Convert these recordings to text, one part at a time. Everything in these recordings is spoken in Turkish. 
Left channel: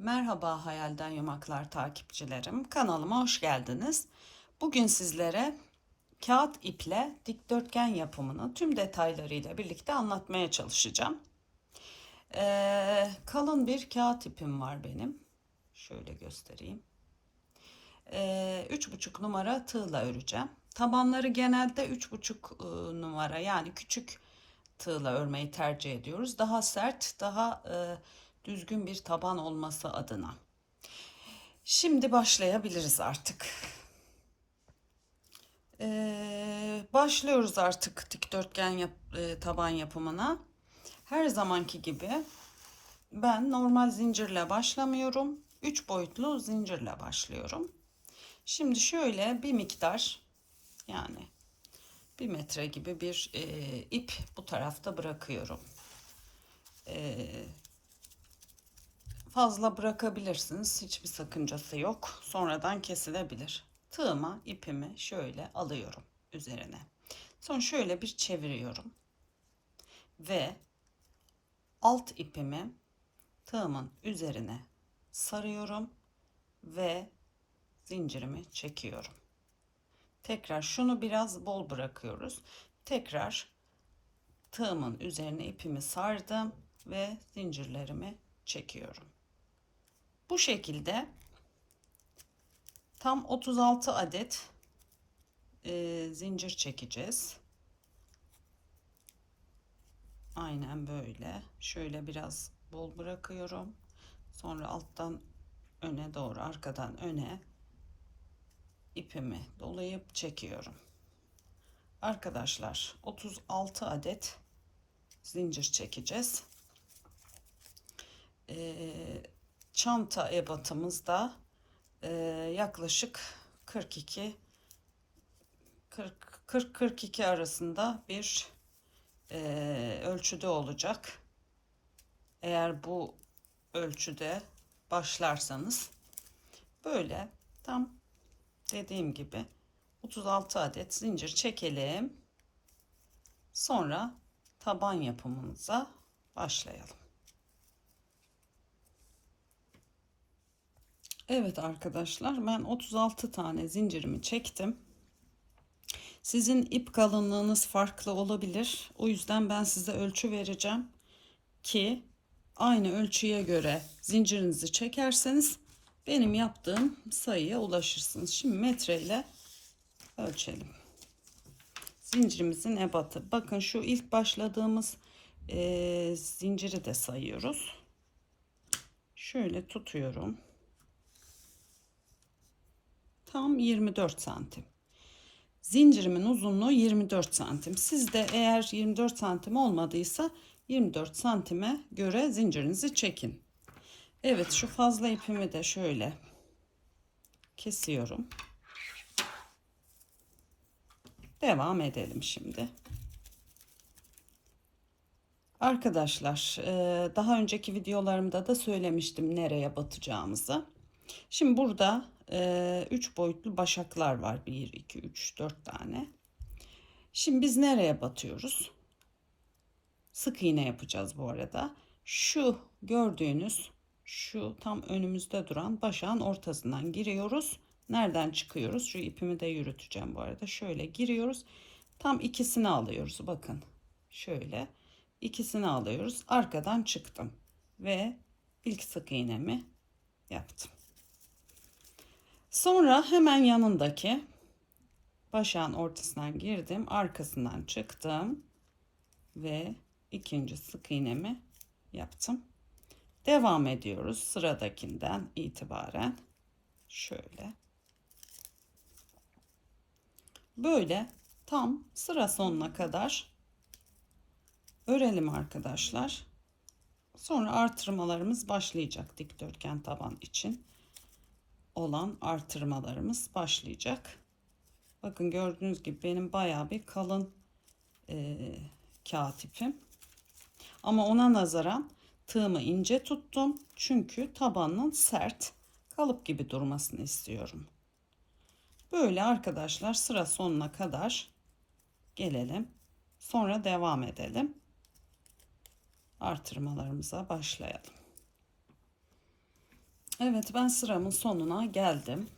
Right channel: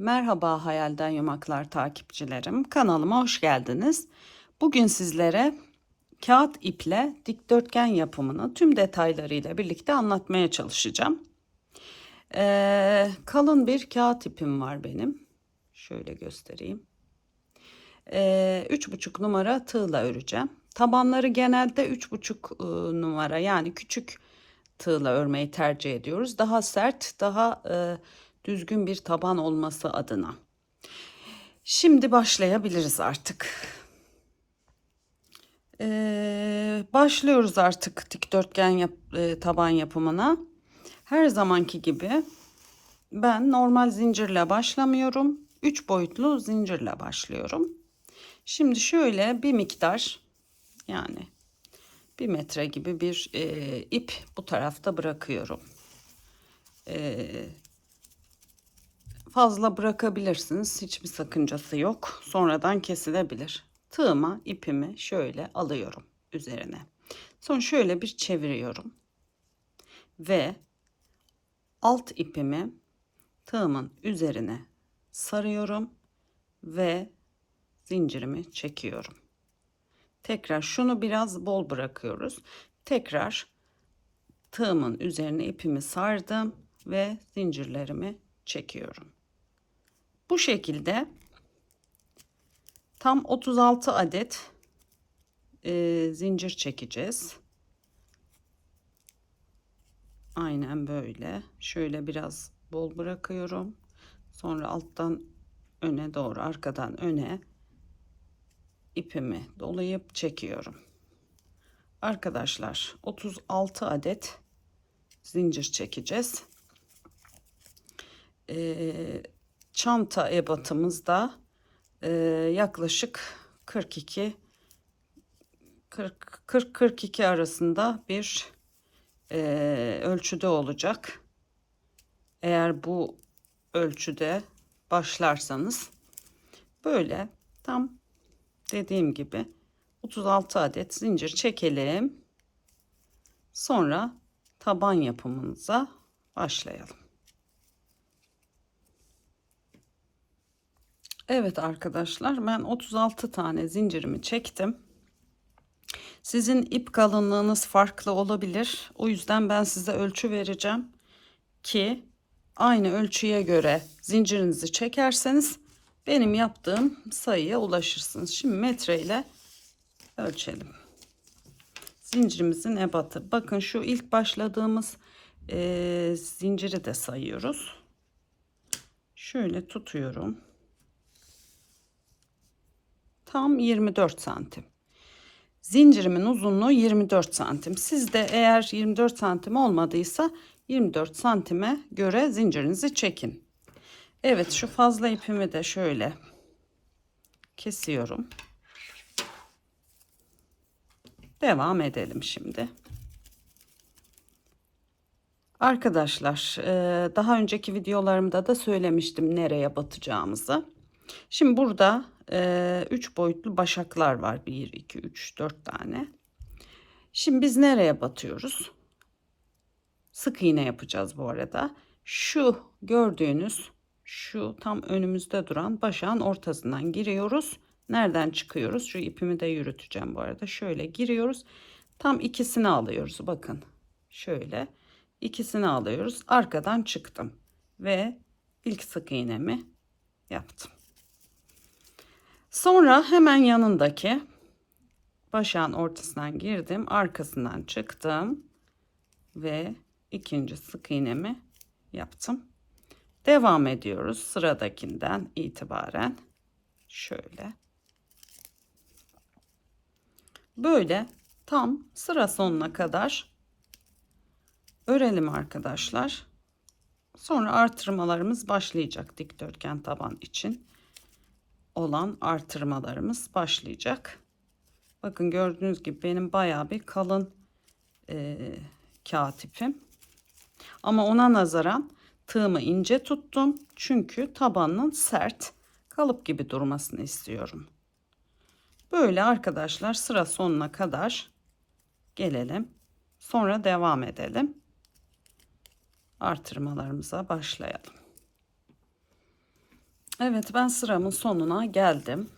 Merhaba Hayalden Yumaklar takipçilerim. Kanalıma hoş geldiniz. Bugün sizlere kağıt iple dikdörtgen yapımını tüm detaylarıyla birlikte anlatmaya çalışacağım. Ee, kalın bir kağıt ipim var benim. Şöyle göstereyim. Ee, üç buçuk numara tığla öreceğim. Tabanları genelde üç buçuk e, numara yani küçük tığla örmeyi tercih ediyoruz. Daha sert, daha e, düzgün bir taban olması adına. Şimdi başlayabiliriz artık. Ee, başlıyoruz artık dikdörtgen yap, e, taban yapımına. Her zamanki gibi ben normal zincirle başlamıyorum. 3 boyutlu zincirle başlıyorum. Şimdi şöyle bir miktar yani bir metre gibi bir e, ip bu tarafta bırakıyorum. E, fazla bırakabilirsiniz. Hiçbir sakıncası yok. Sonradan kesilebilir. Tığıma ipimi şöyle alıyorum üzerine. Sonra şöyle bir çeviriyorum. Ve alt ipimi tığımın üzerine sarıyorum ve zincirimi çekiyorum. Tekrar şunu biraz bol bırakıyoruz. Tekrar tığımın üzerine ipimi sardım ve zincirlerimi çekiyorum. Bu şekilde tam 36 adet e, zincir çekeceğiz. Aynen böyle. Şöyle biraz bol bırakıyorum. Sonra alttan öne doğru, arkadan öne ipimi dolayıp çekiyorum. Arkadaşlar 36 adet zincir çekeceğiz. Ee, çanta ebatımızda e, yaklaşık 42 40 40 42 arasında bir e, ölçüde olacak. Eğer bu ölçüde başlarsanız böyle tam dediğim gibi 36 adet zincir çekelim. Sonra taban yapımımıza başlayalım. Evet arkadaşlar ben 36 tane zincirimi çektim. Sizin ip kalınlığınız farklı olabilir. O yüzden ben size ölçü vereceğim ki aynı ölçüye göre zincirinizi çekerseniz benim yaptığım sayıya ulaşırsınız. Şimdi metreyle ölçelim. Zincirimizin ebatı. Bakın şu ilk başladığımız e, zinciri de sayıyoruz. Şöyle tutuyorum. Tam 24 santim. Zincirimin uzunluğu 24 santim. Sizde eğer 24 santim olmadıysa 24 santime göre zincirinizi çekin. Evet şu fazla ipimi de şöyle kesiyorum. Devam edelim şimdi. Arkadaşlar daha önceki videolarımda da söylemiştim nereye batacağımızı. Şimdi burada 3 boyutlu başaklar var. 1, 2, 3, 4 tane. Şimdi biz nereye batıyoruz? Sık iğne yapacağız bu arada. Şu gördüğünüz şu tam önümüzde duran başağın ortasından giriyoruz. Nereden çıkıyoruz? Şu ipimi de yürüteceğim bu arada. Şöyle giriyoruz. Tam ikisini alıyoruz. Bakın. Şöyle ikisini alıyoruz. Arkadan çıktım ve ilk sık iğnemi yaptım. Sonra hemen yanındaki başağın ortasından girdim. Arkasından çıktım ve ikinci sık iğnemi yaptım. Devam ediyoruz sıradakinden itibaren şöyle. Böyle tam sıra sonuna kadar örelim arkadaşlar. Sonra artırmalarımız başlayacak dikdörtgen taban için olan artırmalarımız başlayacak. Bakın gördüğünüz gibi benim bayağı bir kalın e, kağıt ipim. Ama ona nazaran tığımı ince tuttum. Çünkü tabanının sert kalıp gibi durmasını istiyorum. Böyle arkadaşlar sıra sonuna kadar gelelim. Sonra devam edelim. Artırmalarımıza başlayalım. Evet ben sıramın sonuna geldim.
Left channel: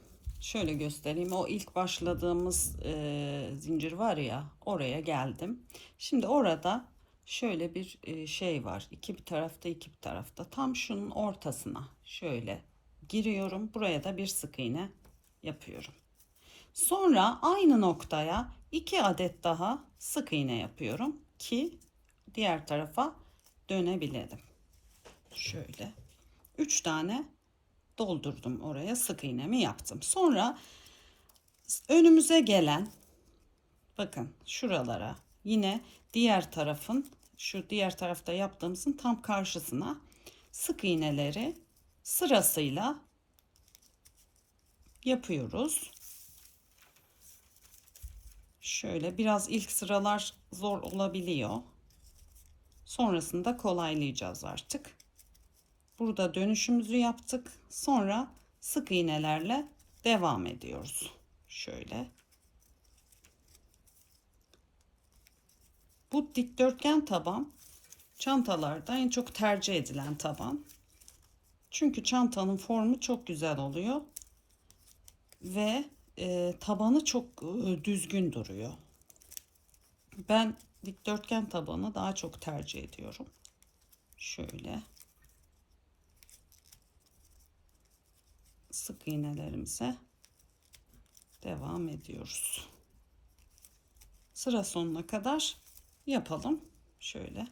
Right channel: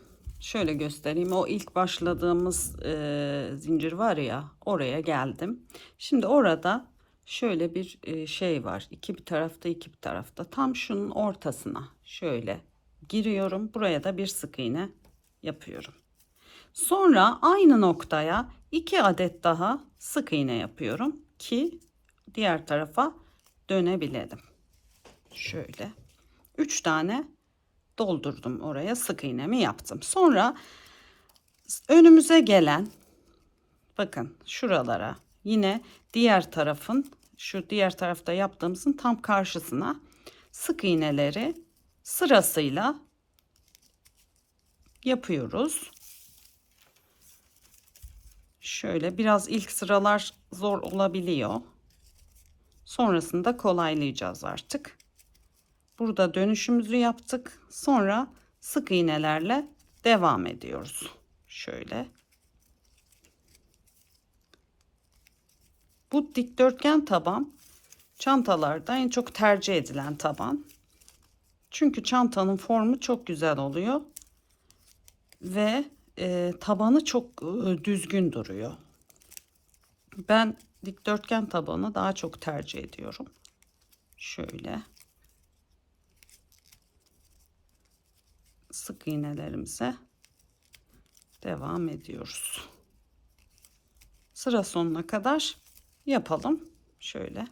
Şöyle göstereyim. O ilk başladığımız e, zincir var ya oraya geldim. Şimdi orada şöyle bir e, şey var. İki bir tarafta iki bir tarafta. Tam şunun ortasına şöyle giriyorum. Buraya da bir sık iğne yapıyorum. Sonra aynı noktaya iki adet daha sık iğne yapıyorum ki diğer tarafa dönebilelim. Şöyle. Üç tane doldurdum oraya sık iğnemi yaptım. Sonra önümüze gelen bakın şuralara yine diğer tarafın şu diğer tarafta yaptığımızın tam karşısına sık iğneleri sırasıyla yapıyoruz. Şöyle biraz ilk sıralar zor olabiliyor. Sonrasında kolaylayacağız artık. Burada dönüşümüzü yaptık. Sonra sık iğnelerle devam ediyoruz. Şöyle. Bu dikdörtgen taban çantalarda en çok tercih edilen taban. Çünkü çantanın formu çok güzel oluyor. Ve e, tabanı çok e, düzgün duruyor. Ben dikdörtgen tabanı daha çok tercih ediyorum. Şöyle. Sık iğnelerimize devam ediyoruz. Sıra sonuna kadar yapalım. Şöyle.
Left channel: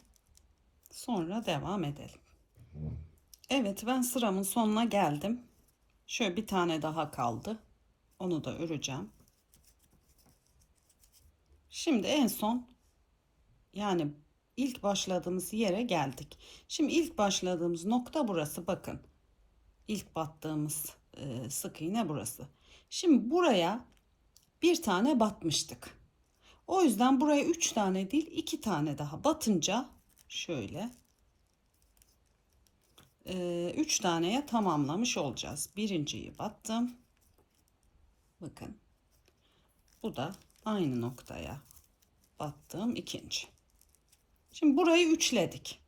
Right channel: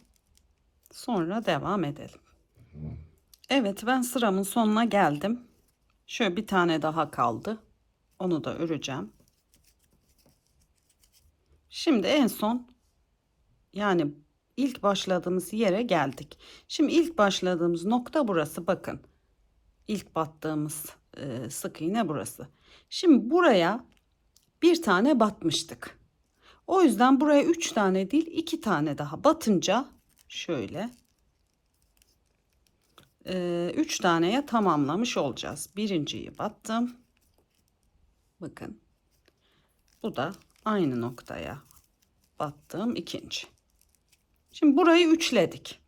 Sonra devam edelim. Evet ben sıramın sonuna geldim. Şöyle bir tane daha kaldı. Onu da öreceğim. Şimdi en son yani ilk başladığımız yere geldik. Şimdi ilk başladığımız nokta burası bakın. İlk battığımız e, sık iğne burası. Şimdi buraya bir tane batmıştık. O yüzden buraya üç tane değil iki tane daha batınca şöyle e, üç taneye tamamlamış olacağız. Birinciyi battım. Bakın bu da aynı noktaya battığım ikinci. Şimdi burayı üçledik.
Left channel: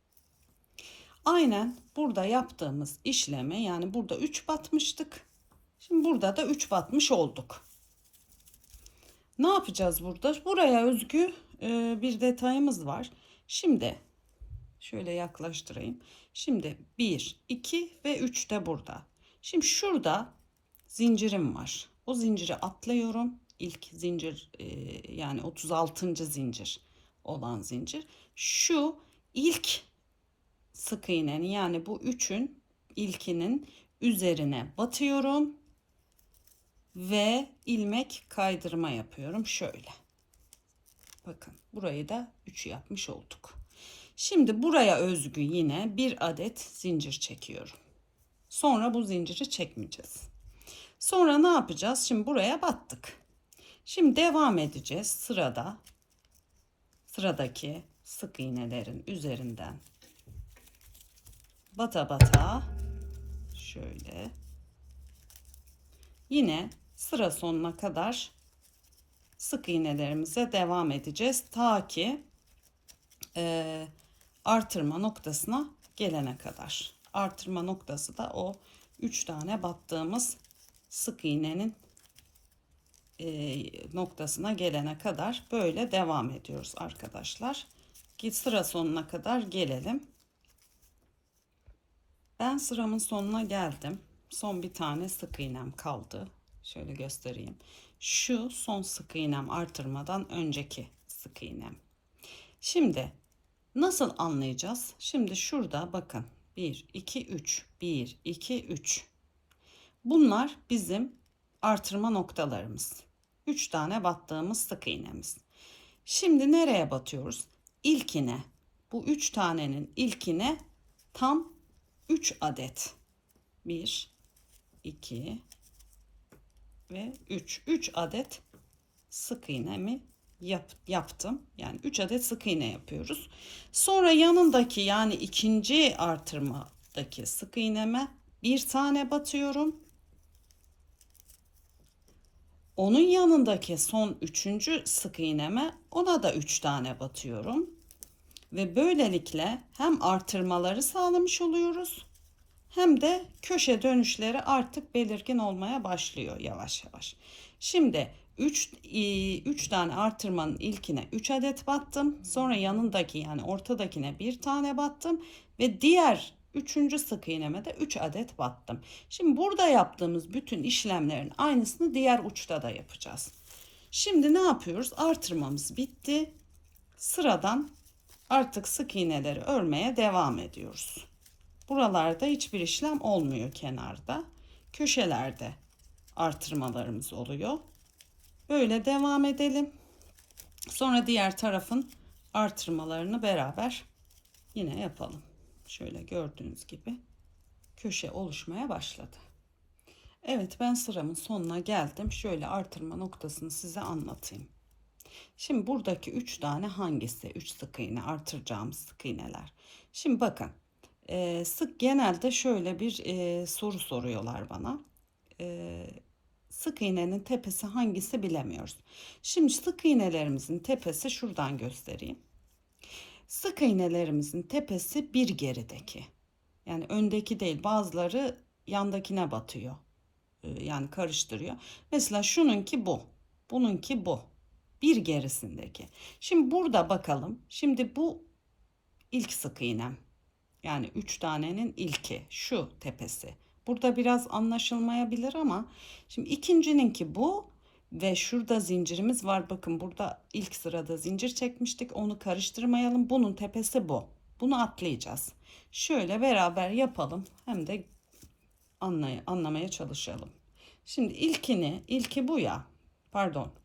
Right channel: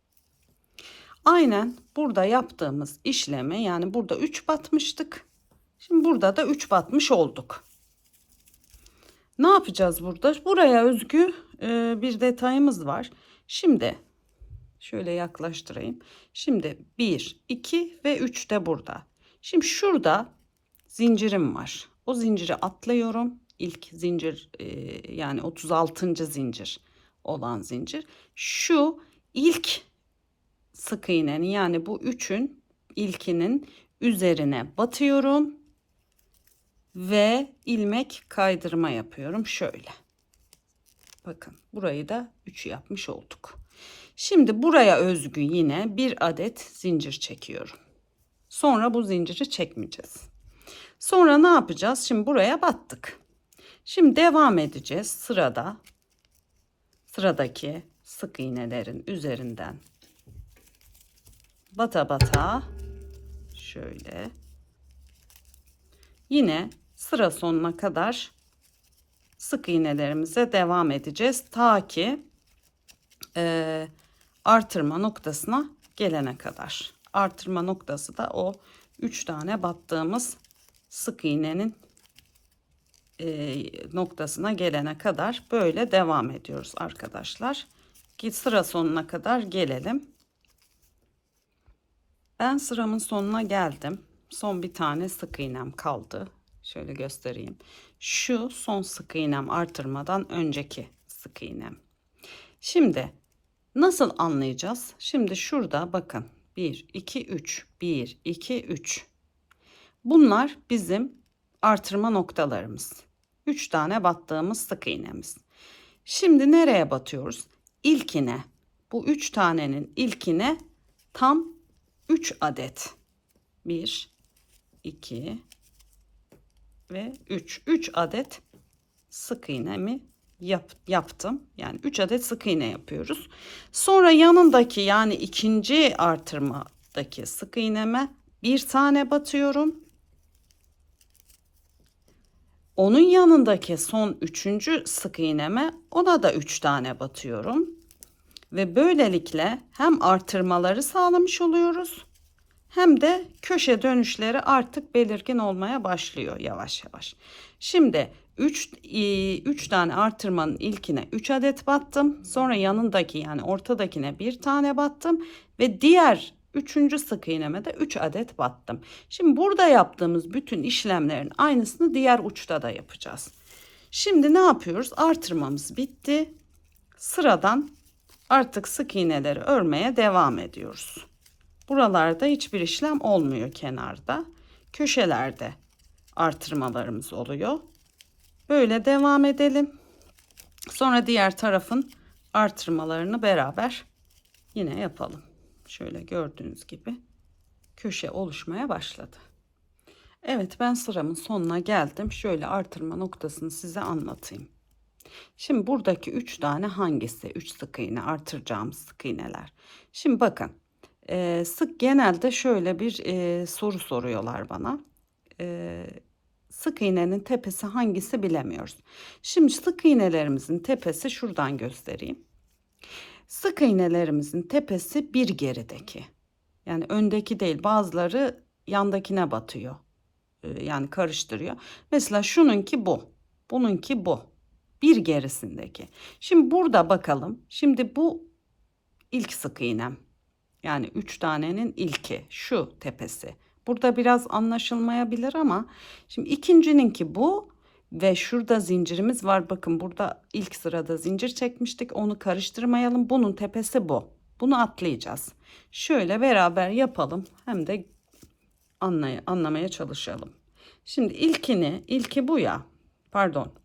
Aynen burada yaptığımız işleme yani burada 3 batmıştık. Şimdi burada da 3 batmış olduk. Ne yapacağız burada? Buraya özgü e, bir detayımız var. Şimdi şöyle yaklaştırayım. Şimdi 1, 2 ve 3 de burada. Şimdi şurada zincirim var. O zinciri atlıyorum. İlk zincir e, yani 36. zincir olan zincir. Şu ilk sık iğnenin yani bu üçün ilkinin üzerine batıyorum ve ilmek kaydırma yapıyorum şöyle. Bakın burayı da 3 yapmış olduk. Şimdi buraya özgü yine bir adet zincir çekiyorum. Sonra bu zinciri çekmeyeceğiz. Sonra ne yapacağız? Şimdi buraya battık. Şimdi devam edeceğiz sırada. Sıradaki sık iğnelerin üzerinden bata bata şöyle yine sıra sonuna kadar sık iğnelerimize devam edeceğiz ta ki e, artırma noktasına gelene kadar artırma noktası da o üç tane battığımız sık iğnenin e, noktasına gelene kadar böyle devam ediyoruz arkadaşlar. Git sıra sonuna kadar gelelim. Ben sıramın sonuna geldim. Son bir tane sık iğnem kaldı. Şöyle göstereyim. Şu son sık iğnem artırmadan önceki sık iğnem. Şimdi nasıl anlayacağız? Şimdi şurada bakın 1 2 3 1 2 3. Bunlar bizim artırma noktalarımız. 3 tane battığımız sık iğnemiz. Şimdi nereye batıyoruz? İlkine. Bu 3 tanenin ilkine tam 3 adet. 1 2 ve 3 3 adet sık iğnemi yap, yaptım. Yani 3 adet sık iğne yapıyoruz. Sonra yanındaki yani ikinci artırmadaki sık iğneme bir tane batıyorum. Onun yanındaki son üçüncü sık iğneme ona da 3 tane batıyorum ve böylelikle hem artırmaları sağlamış oluyoruz hem de köşe dönüşleri artık belirgin olmaya başlıyor yavaş yavaş. Şimdi 3 3 tane artırmanın ilkine 3 adet battım. Sonra yanındaki yani ortadakine bir tane battım ve diğer üçüncü sık iğneme de 3 adet battım. Şimdi burada yaptığımız bütün işlemlerin aynısını diğer uçta da yapacağız. Şimdi ne yapıyoruz? Artırmamız bitti. Sıradan artık sık iğneleri örmeye devam ediyoruz. Buralarda hiçbir işlem olmuyor kenarda. Köşelerde artırmalarımız oluyor. Böyle devam edelim. Sonra diğer tarafın artırmalarını beraber yine yapalım. Şöyle gördüğünüz gibi köşe oluşmaya başladı. Evet ben sıramın sonuna geldim. Şöyle artırma noktasını size anlatayım. Şimdi buradaki 3 tane hangisi? 3 sık iğne artıracağımız sık iğneler. Şimdi bakın e, sık genelde şöyle bir e, soru soruyorlar bana. E, sık iğnenin tepesi hangisi bilemiyoruz. Şimdi sık iğnelerimizin tepesi şuradan göstereyim. Sık iğnelerimizin tepesi bir gerideki. Yani öndeki değil bazıları yandakine batıyor. E, yani karıştırıyor. Mesela şununki bu. Bununki bu. Bir gerisindeki. Şimdi burada bakalım. Şimdi bu ilk sık iğnem. Yani 3 tanenin ilki şu tepesi. Burada biraz anlaşılmayabilir ama şimdi ikincininki bu ve şurada zincirimiz var. Bakın burada ilk sırada zincir çekmiştik. Onu karıştırmayalım. Bunun tepesi bu. Bunu atlayacağız. Şöyle beraber yapalım. Hem de anlay anlamaya çalışalım. Şimdi ilkini, ilki bu ya. Pardon.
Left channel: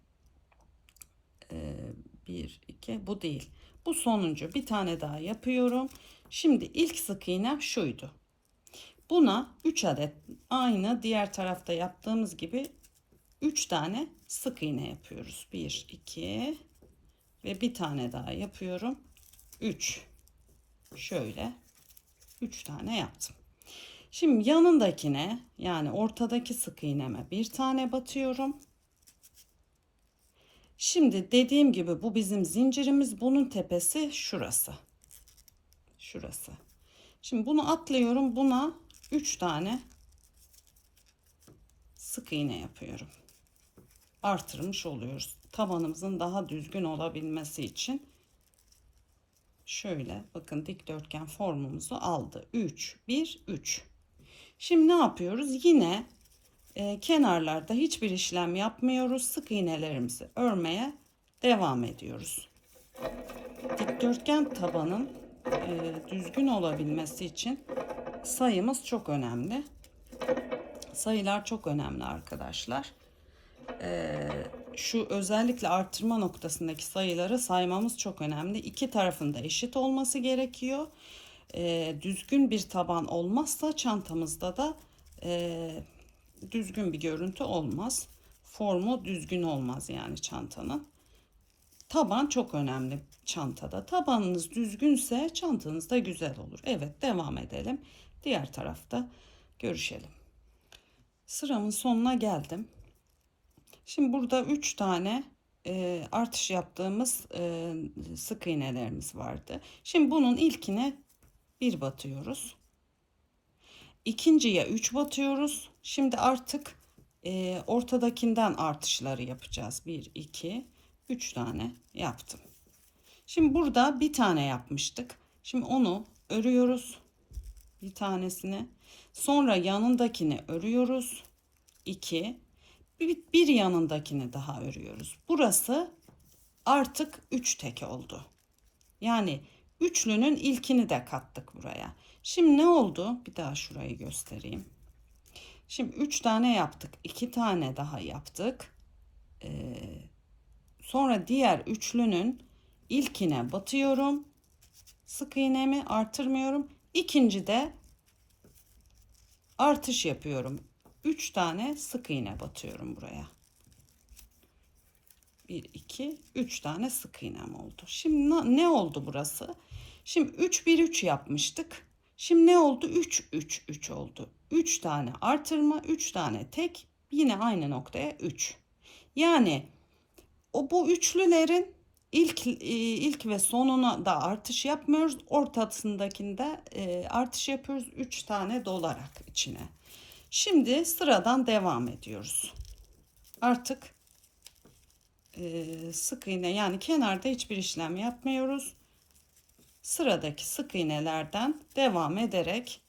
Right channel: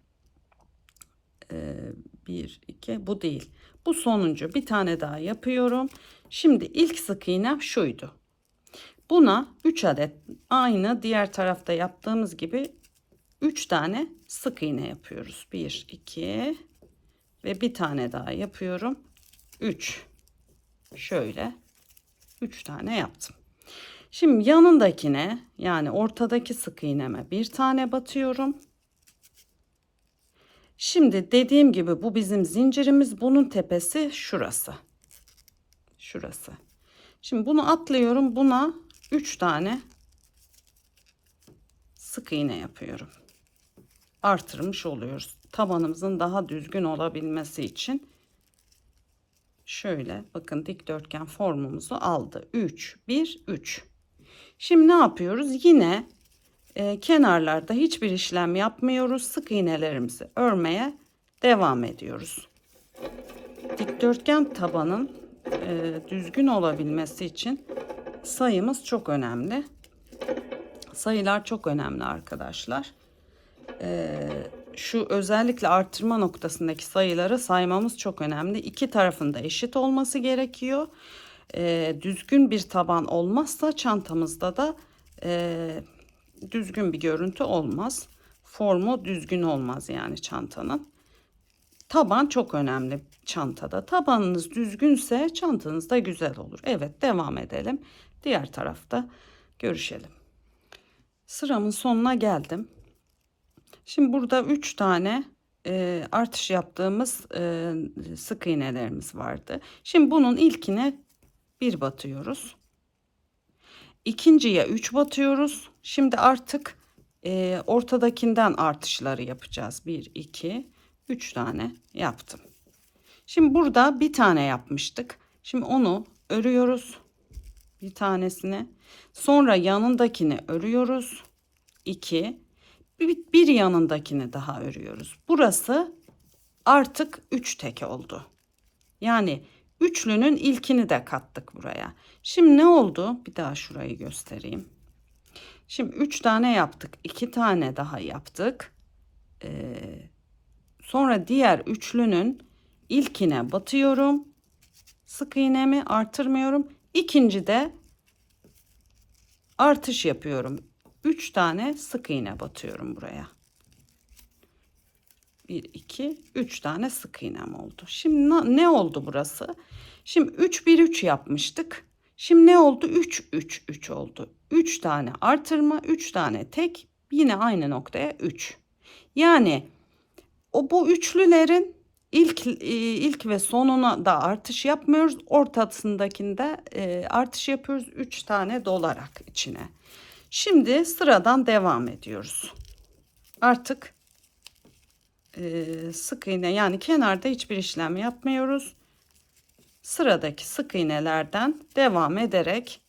Ee, bir, iki, bu değil. Bu sonuncu. Bir tane daha yapıyorum. Şimdi ilk sık iğnem şuydu. Buna 3 adet aynı diğer tarafta yaptığımız gibi 3 tane sık iğne yapıyoruz. 1 2 ve bir tane daha yapıyorum. 3 şöyle 3 tane yaptım. Şimdi yanındakine yani ortadaki sık iğneme bir tane batıyorum. Şimdi dediğim gibi bu bizim zincirimiz. Bunun tepesi şurası. Şurası. Şimdi bunu atlıyorum. Buna 3 tane sık iğne yapıyorum. Artırmış oluyoruz. Tabanımızın daha düzgün olabilmesi için şöyle bakın dikdörtgen formumuzu aldı. 3 1 3. Şimdi ne yapıyoruz? Yine e, kenarlarda hiçbir işlem yapmıyoruz. Sık iğnelerimizi örmeye devam ediyoruz. Dikdörtgen tabanın e, düzgün olabilmesi için sayımız çok önemli. Sayılar çok önemli arkadaşlar. Ee, şu özellikle artırma noktasındaki sayıları saymamız çok önemli. İki tarafında eşit olması gerekiyor. Ee, düzgün bir taban olmazsa çantamızda da e, düzgün bir görüntü olmaz. Formu düzgün olmaz yani çantanın. Taban çok önemli çantada. Tabanınız düzgünse çantanız da güzel olur. Evet devam edelim. Diğer tarafta görüşelim. Sıramın sonuna geldim. Şimdi burada 3 tane e, artış yaptığımız e, sık iğnelerimiz vardı. Şimdi bunun ilkine bir batıyoruz. İkinciye 3 batıyoruz. Şimdi artık e, ortadakinden artışları yapacağız. 1, 2, 3 tane yaptım. Şimdi burada bir tane yapmıştık. Şimdi onu örüyoruz. Bir tanesini. Sonra yanındakini örüyoruz. 2 bir, bir yanındakini daha örüyoruz. Burası artık 3 tek oldu. Yani üçlünün ilkini de kattık buraya. Şimdi ne oldu? Bir daha şurayı göstereyim. Şimdi 3 tane yaptık. 2 tane daha yaptık. Ee, sonra diğer üçlünün ilkine batıyorum. Sık iğnemi artırmıyorum. İkinci de artış yapıyorum. 3 tane sık iğne batıyorum buraya. 1 2 3 tane sık iğnem oldu. Şimdi ne oldu burası? Şimdi 3 1 3 yapmıştık. Şimdi ne oldu? 3 3 3 oldu. 3 tane artırma, 3 tane tek, yine aynı noktaya 3. Yani o bu üçlülerin ilk e, ilk ve sonuna da artış yapmıyoruz. Ortasındakinde e, artış yapıyoruz 3 tane dolarak içine. Şimdi sıradan devam ediyoruz. Artık e, sık iğne yani kenarda hiçbir işlem yapmıyoruz. Sıradaki sık iğnelerden devam ederek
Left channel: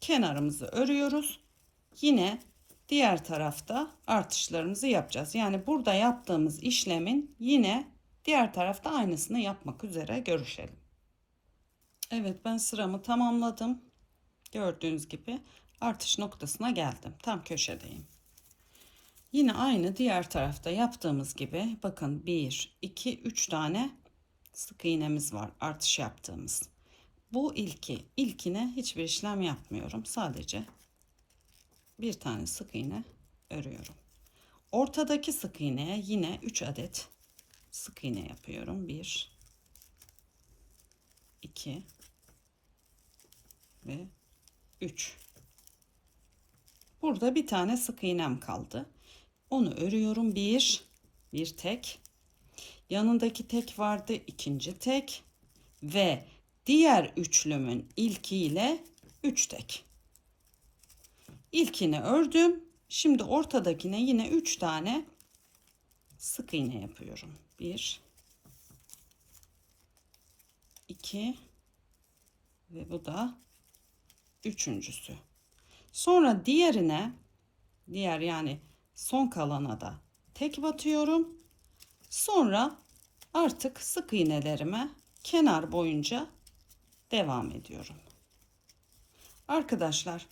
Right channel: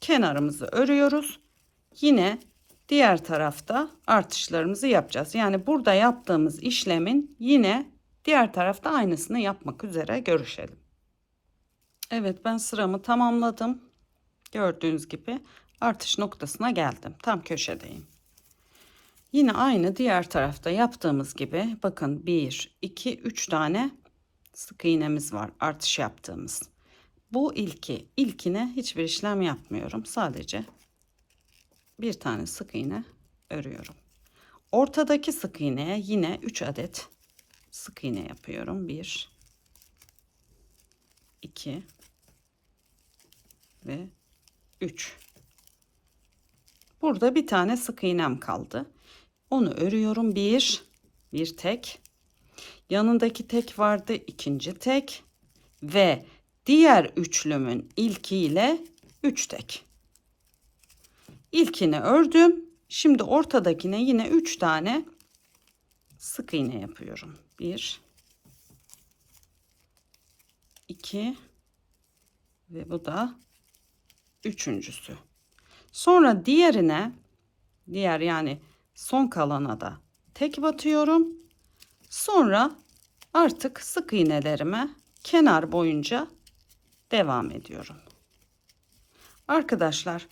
kenarımızı örüyoruz. Yine diğer tarafta artışlarımızı yapacağız. Yani burada yaptığımız işlemin yine diğer tarafta aynısını yapmak üzere görüşelim. Evet ben sıramı tamamladım. Gördüğünüz gibi artış noktasına geldim. Tam köşedeyim. Yine aynı diğer tarafta yaptığımız gibi bakın 1 2 3 tane sık iğnemiz var artış yaptığımız. Bu ilki. İlkine hiçbir işlem yapmıyorum. Sadece bir tane sık iğne örüyorum. Ortadaki sık iğneye yine 3 adet sık iğne yapıyorum. 1 2 ve 3. Burada bir tane sık iğnem kaldı. Onu örüyorum. Bir, bir tek. Yanındaki tek vardı. ikinci tek. Ve diğer üçlümün ilkiyle üç tek. İlkini ördüm. Şimdi ortadakine yine üç tane sık iğne yapıyorum. Bir, iki ve bu da üçüncüsü. Sonra diğerine diğer yani son kalana da tek batıyorum. Sonra artık sık iğnelerime kenar boyunca devam ediyorum. Arkadaşlar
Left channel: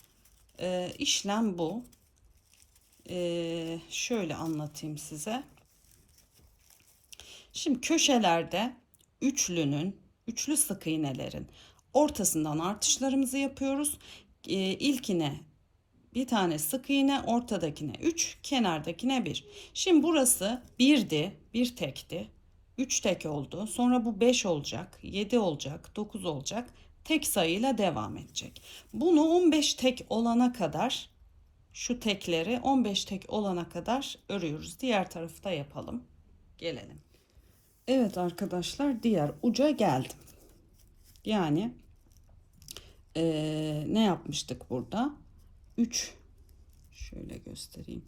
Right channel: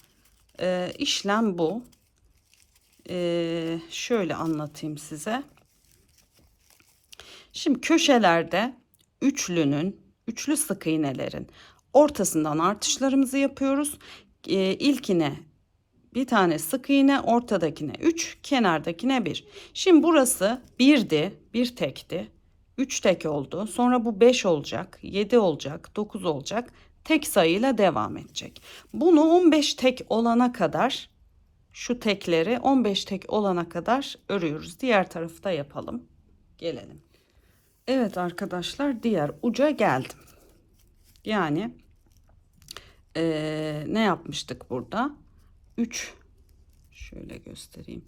e, işlem bu. E, şöyle anlatayım size. Şimdi köşelerde üçlünün, üçlü sık iğnelerin ortasından artışlarımızı yapıyoruz. E, ilkine bir tane sık iğne, ortadakine 3, kenardakine 1. Şimdi burası 1'di, bir tekti. 3 tek oldu. Sonra bu 5 olacak, 7 olacak, 9 olacak. Tek sayıyla devam edecek. Bunu 15 tek olana kadar şu tekleri 15 tek olana kadar örüyoruz. Diğer tarafı da yapalım. Gelelim. Evet arkadaşlar diğer uca geldim. Yani ee, ne yapmıştık burada? 3 şöyle göstereyim.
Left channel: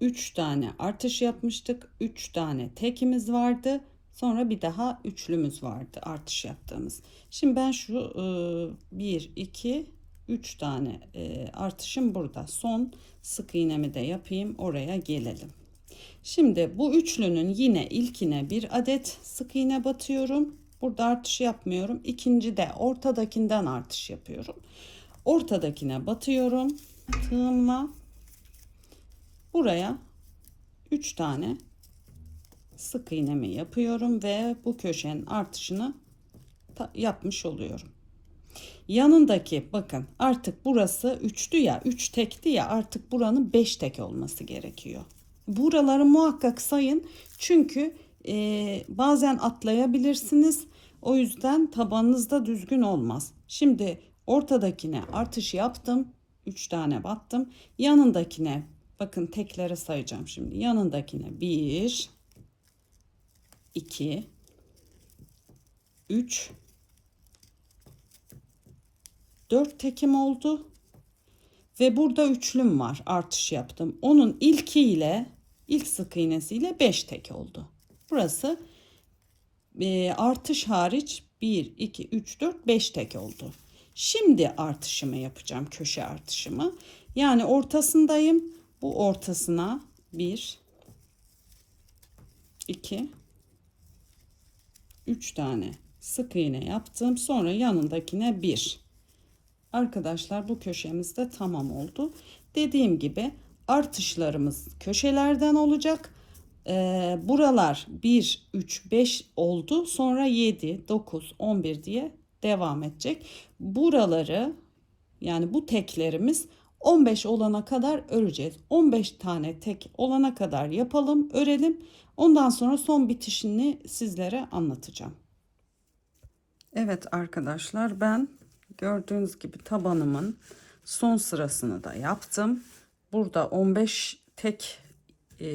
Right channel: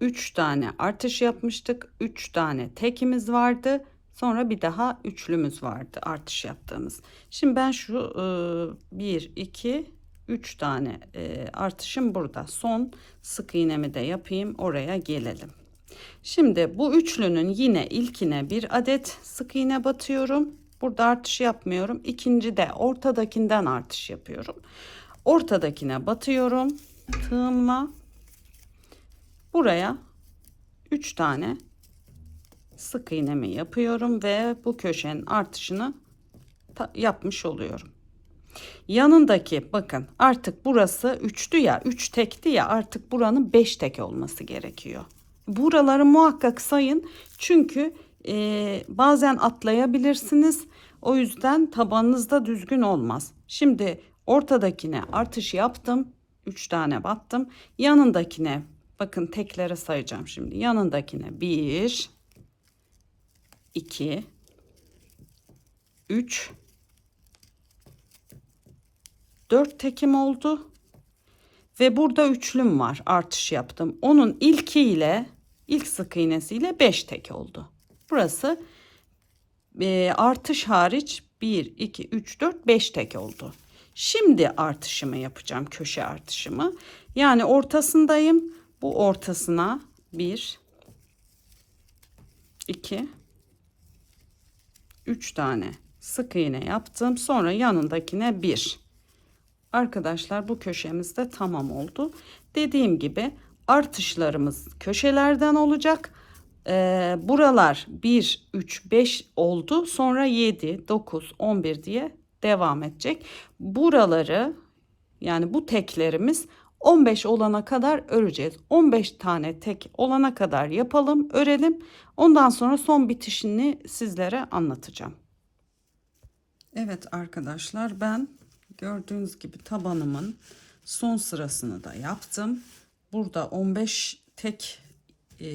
3 tane artış yapmıştık. 3 tane tekimiz vardı. Sonra bir daha üçlümüz vardı artış yaptığımız. Şimdi ben şu 1 2 3 tane e, artışım burada. Son sık iğnemi de yapayım. Oraya gelelim. Şimdi bu üçlünün yine ilkine bir adet sık iğne batıyorum. Burada artış yapmıyorum. İkinci de ortadakinden artış yapıyorum. Ortadakine batıyorum tığımla buraya 3 tane sık iğnemi yapıyorum ve bu köşenin artışını yapmış oluyorum. Yanındaki bakın artık burası 3'tü ya 3 tekti ya artık buranın 5 tek olması gerekiyor. Buraları muhakkak sayın çünkü e, bazen atlayabilirsiniz. O yüzden tabanınızda düzgün olmaz. Şimdi ortadakine artış yaptım. 3 tane battım. Yanındakine bakın tekleri sayacağım şimdi. Yanındakine 1 2 3 4 tekim oldu. Ve burada üçlüm var. Artış yaptım. Onun ilkiyle ilk sık iğnesiyle 5 tek oldu. Burası e, artış hariç 1 2 3 4 5 tek oldu. Şimdi artışımı yapacağım. Köşe artışımı. Yani ortasındayım. Bu ortasına 1 2 3 tane sık iğne yaptım. Sonra yanındakine 1. Arkadaşlar bu köşemiz de tamam oldu. Dediğim gibi artışlarımız köşelerden olacak. Ee, buralar 1, 3, 5 oldu. Sonra 7, 9, 11 diye devam edecek. Buraları yani bu teklerimiz 15 olana kadar öreceğiz. 15 tane tek olana kadar yapalım, örelim. Ondan sonra son bitişini sizlere anlatacağım. Evet arkadaşlar ben gördüğünüz gibi tabanımın son sırasını da yaptım. Burada 15 tek e,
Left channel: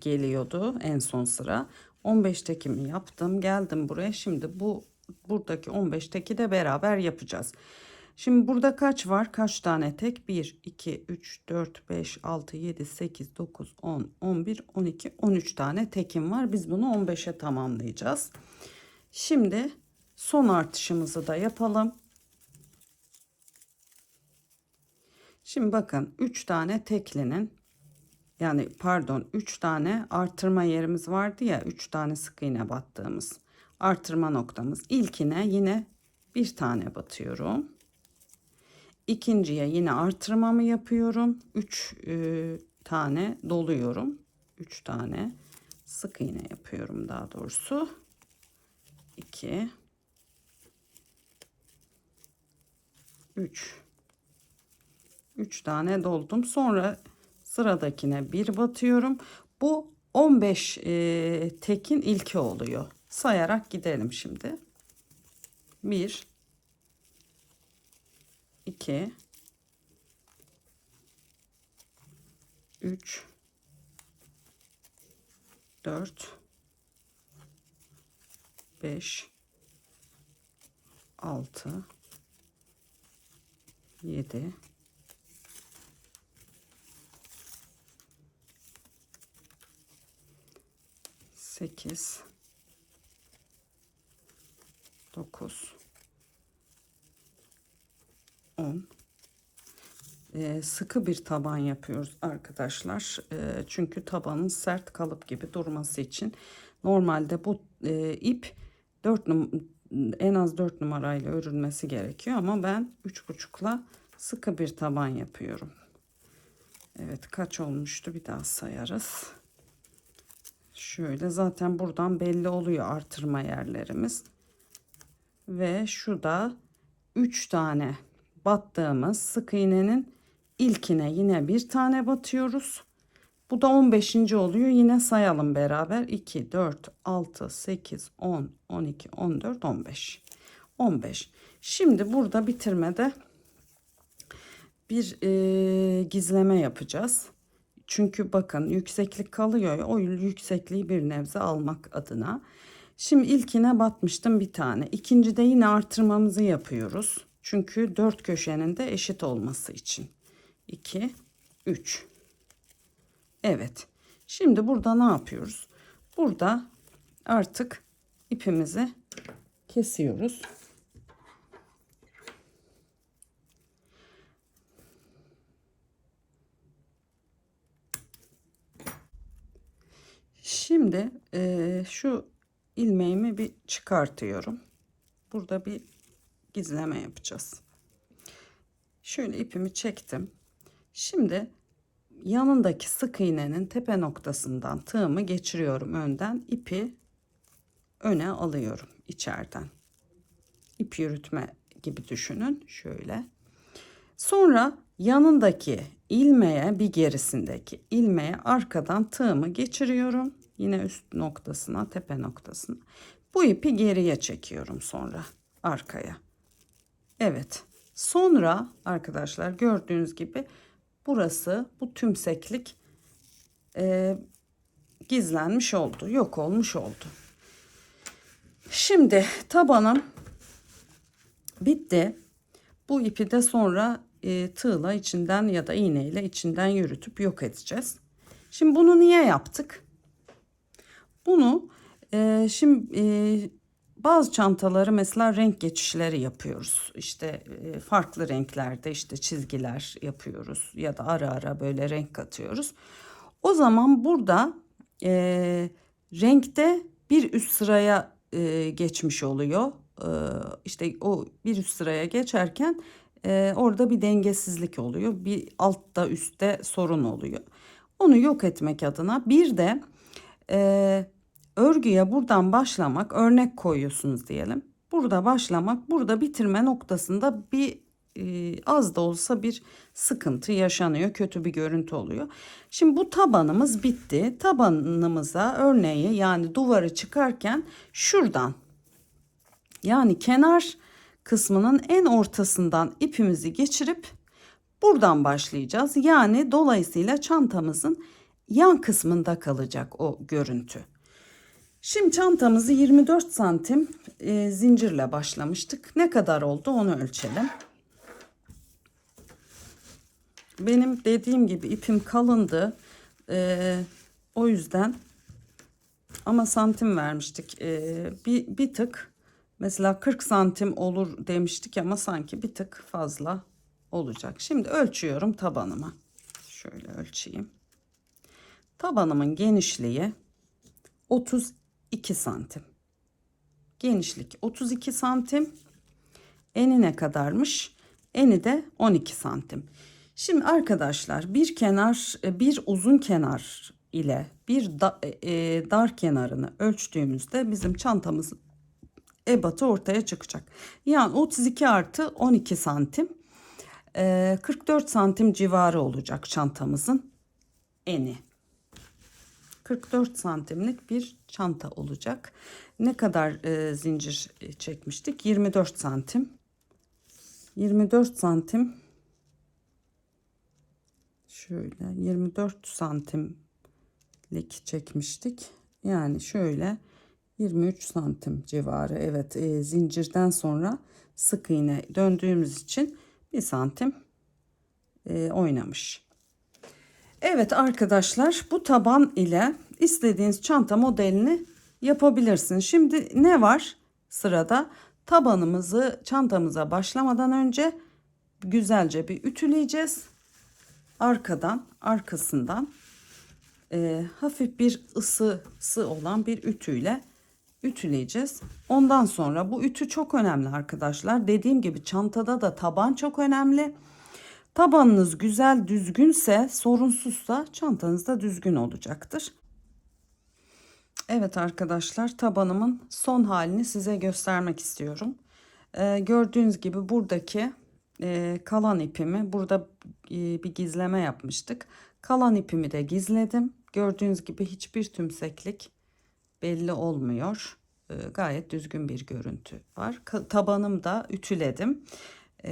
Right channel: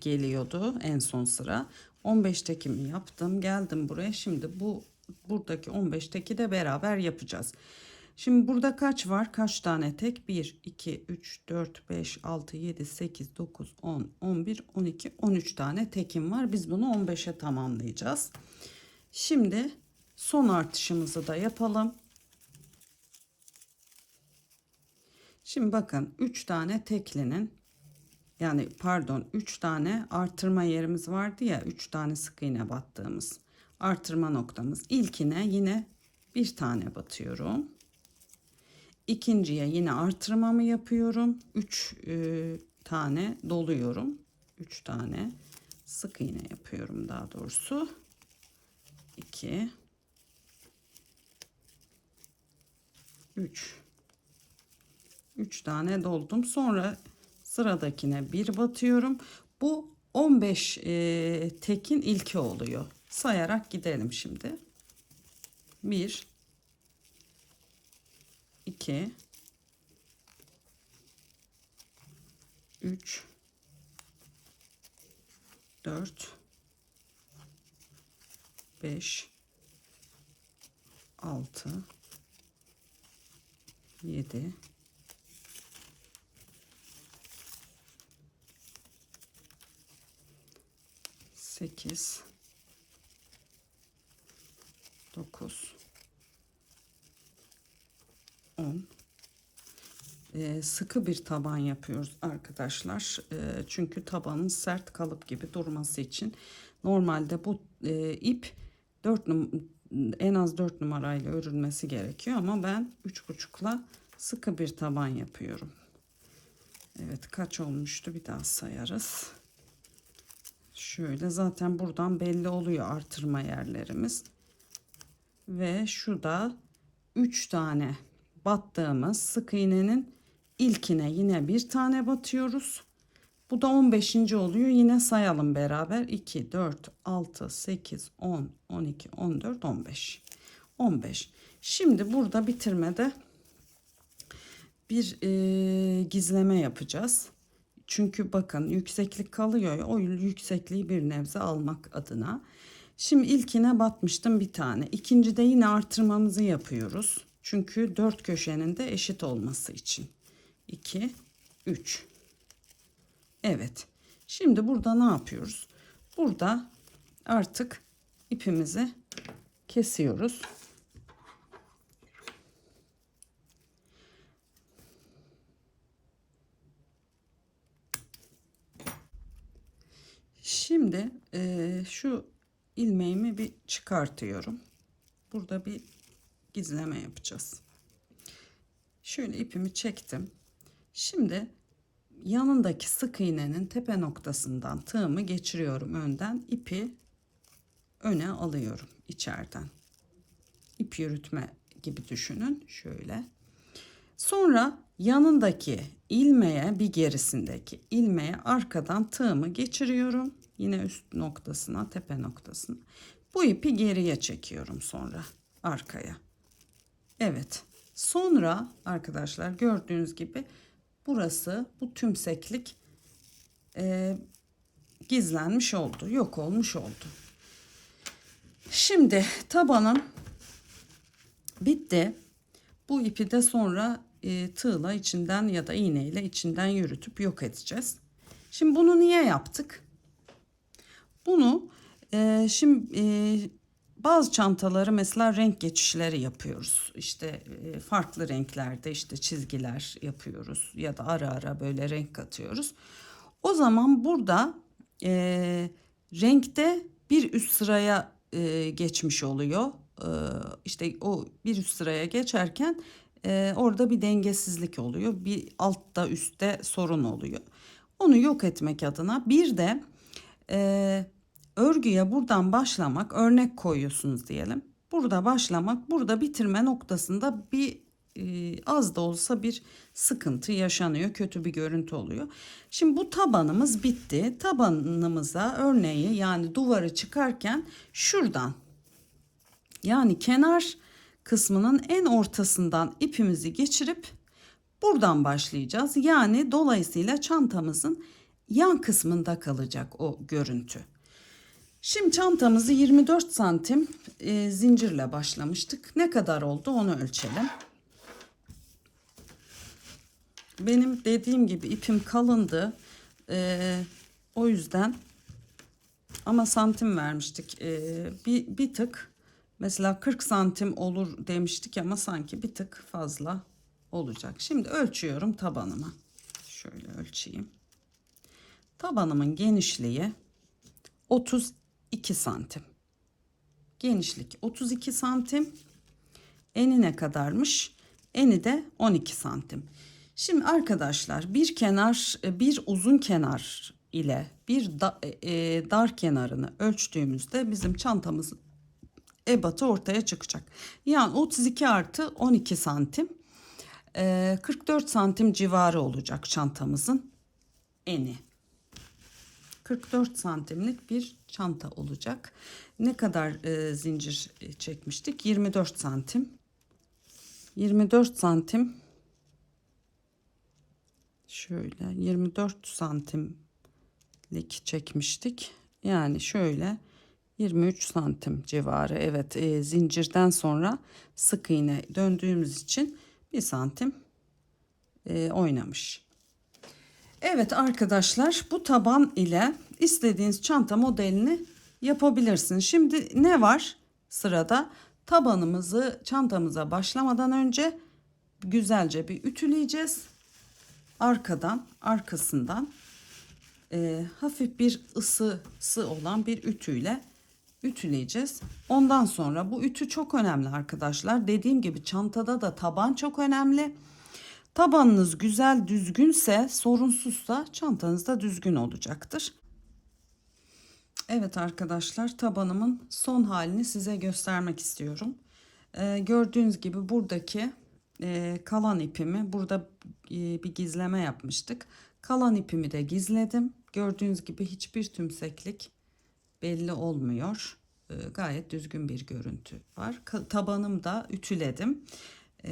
geliyordu en son sıra. 15 tekimi yaptım. Geldim buraya. Şimdi bu buradaki 15 teki de beraber yapacağız. Şimdi burada kaç var? Kaç tane tek? 1, 2, 3, 4, 5, 6, 7, 8, 9, 10, 11, 12, 13 tane tekim var. Biz bunu 15'e tamamlayacağız. Şimdi son artışımızı da yapalım. Şimdi bakın 3 tane teklinin yani pardon 3 tane artırma yerimiz vardı ya 3 tane sık iğne battığımız artırma noktamız. İlkine yine bir tane batıyorum. İkinciye yine artırmamı yapıyorum. 3 e, tane doluyorum. 3 tane sık iğne yapıyorum daha doğrusu. 2 3 3 tane doldum. Sonra sıradakine bir batıyorum. Bu 15 e, tekin ilki oluyor. Sayarak gidelim şimdi. 1 2 3 4 5 6 7 8 9 10 Ee, sıkı bir taban yapıyoruz arkadaşlar. Ee, çünkü tabanın sert kalıp gibi durması için normalde bu e, ip 4 en az 4 numarayla örülmesi gerekiyor ama ben 3,5'la sıkı bir taban yapıyorum. Evet kaç olmuştu bir daha sayarız. Şöyle zaten buradan belli oluyor artırma yerlerimiz. Ve şu da 3 tane battığımız sık iğnenin ilkine yine bir tane batıyoruz. Bu da 15. oluyor. Yine sayalım beraber. 2, 4, 6, 8, 10, 12, 14, 15. 15. Şimdi burada bitirmede bir e, gizleme yapacağız. Çünkü bakın yükseklik kalıyor o yüksekliği bir nebze almak adına. Şimdi ilkine batmıştım bir tane. İkincide yine artırmamızı yapıyoruz. Çünkü dört köşenin de eşit olması için. 2, 3. Evet. Şimdi burada ne yapıyoruz? Burada artık ipimizi kesiyoruz. Şimdi e, şu ilmeğimi bir çıkartıyorum. Burada bir gizleme yapacağız. Şöyle ipimi çektim. Şimdi yanındaki sık iğnenin tepe noktasından tığımı geçiriyorum önden. ipi öne alıyorum içeriden. İp yürütme gibi düşünün. Şöyle. Sonra yanındaki ilmeğe bir gerisindeki ilmeğe arkadan tığımı geçiriyorum. Yine üst noktasına tepe noktasına. Bu ipi geriye çekiyorum sonra arkaya. Evet. Sonra arkadaşlar gördüğünüz gibi burası bu tümseklik e, gizlenmiş oldu. Yok olmuş oldu. Şimdi tabanım bitti. Bu ipi de sonra e, tığla içinden ya da iğneyle içinden yürütüp yok edeceğiz. Şimdi bunu niye yaptık? Bunu e, şimdi e, bazı çantaları mesela renk geçişleri yapıyoruz. İşte e, farklı renklerde işte çizgiler yapıyoruz ya da ara ara böyle renk katıyoruz. O zaman burada e, renkte bir üst sıraya e, geçmiş oluyor. E, işte o bir üst sıraya geçerken e, orada bir dengesizlik oluyor. Bir altta üstte sorun oluyor. Onu yok etmek adına bir de e, örgüye buradan başlamak örnek koyuyorsunuz diyelim. Burada başlamak burada bitirme noktasında bir e, az da olsa bir sıkıntı yaşanıyor. Kötü bir görüntü oluyor. Şimdi bu tabanımız bitti. Tabanımıza örneği yani duvarı çıkarken şuradan yani kenar kısmının en ortasından ipimizi geçirip buradan başlayacağız. Yani dolayısıyla çantamızın yan kısmında kalacak o görüntü. Şimdi çantamızı 24 santim e, zincirle başlamıştık. Ne kadar oldu onu ölçelim. Benim dediğim gibi ipim kalındı. E, o yüzden ama santim vermiştik. E, bir, bir tık mesela 40 santim olur demiştik ama sanki bir tık fazla olacak. Şimdi ölçüyorum tabanıma. Şöyle ölçeyim. Tabanımın genişliği 32 santim. Genişlik 32 santim. Eni ne kadarmış? Eni de 12 santim. Şimdi arkadaşlar bir kenar bir uzun kenar ile bir da, e, dar kenarını ölçtüğümüzde bizim çantamız ebatı ortaya çıkacak. Yani 32 artı 12 santim. e, 44 santim civarı olacak çantamızın eni. 44 santimlik bir çanta olacak. Ne kadar e, zincir e, çekmiştik? 24 santim. 24 santim. Şöyle 24 santimlik çekmiştik. Yani şöyle 23 santim civarı. Evet e, zincirden sonra sık iğne döndüğümüz için bir santim e, oynamış. Evet arkadaşlar bu taban ile istediğiniz çanta modelini yapabilirsiniz. Şimdi ne var sırada? Tabanımızı çantamıza başlamadan önce güzelce bir ütüleyeceğiz. Arkadan arkasından e, hafif bir ısısı olan bir ütüyle ütüleyeceğiz. Ondan sonra bu ütü çok önemli arkadaşlar. Dediğim gibi çantada da taban çok önemli. Tabanınız güzel düzgünse sorunsuzsa çantanız da düzgün olacaktır. Evet arkadaşlar tabanımın son halini size göstermek istiyorum. Ee, gördüğünüz gibi buradaki e, kalan ipimi burada e, bir gizleme yapmıştık. Kalan ipimi de gizledim. Gördüğünüz gibi hiçbir tümseklik belli olmuyor. Ee, gayet düzgün bir görüntü var. Ka- tabanım da ütüledim e,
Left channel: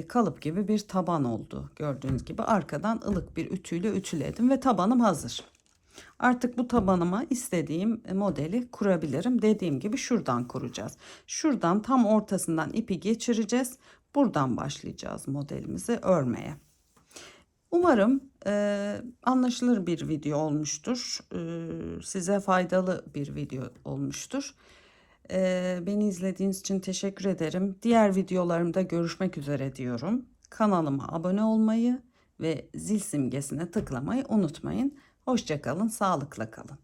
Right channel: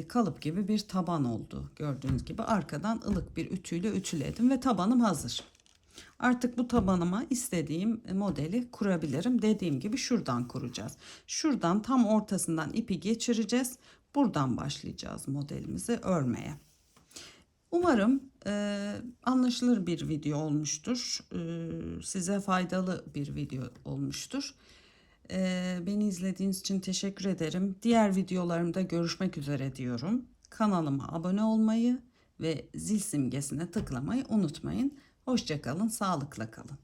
kalıp gibi bir taban oldu. Gördüğünüz gibi arkadan ılık bir ütüyle ütüledim ve tabanım hazır. Artık bu tabanıma istediğim modeli kurabilirim. Dediğim gibi şuradan kuracağız. Şuradan tam ortasından ipi geçireceğiz. Buradan başlayacağız modelimizi örmeye. Umarım e, anlaşılır bir video olmuştur. E, size faydalı bir video olmuştur. Beni izlediğiniz için teşekkür ederim. Diğer videolarımda görüşmek üzere diyorum. Kanalıma abone olmayı ve zil simgesine tıklamayı unutmayın. Hoşçakalın, sağlıkla kalın.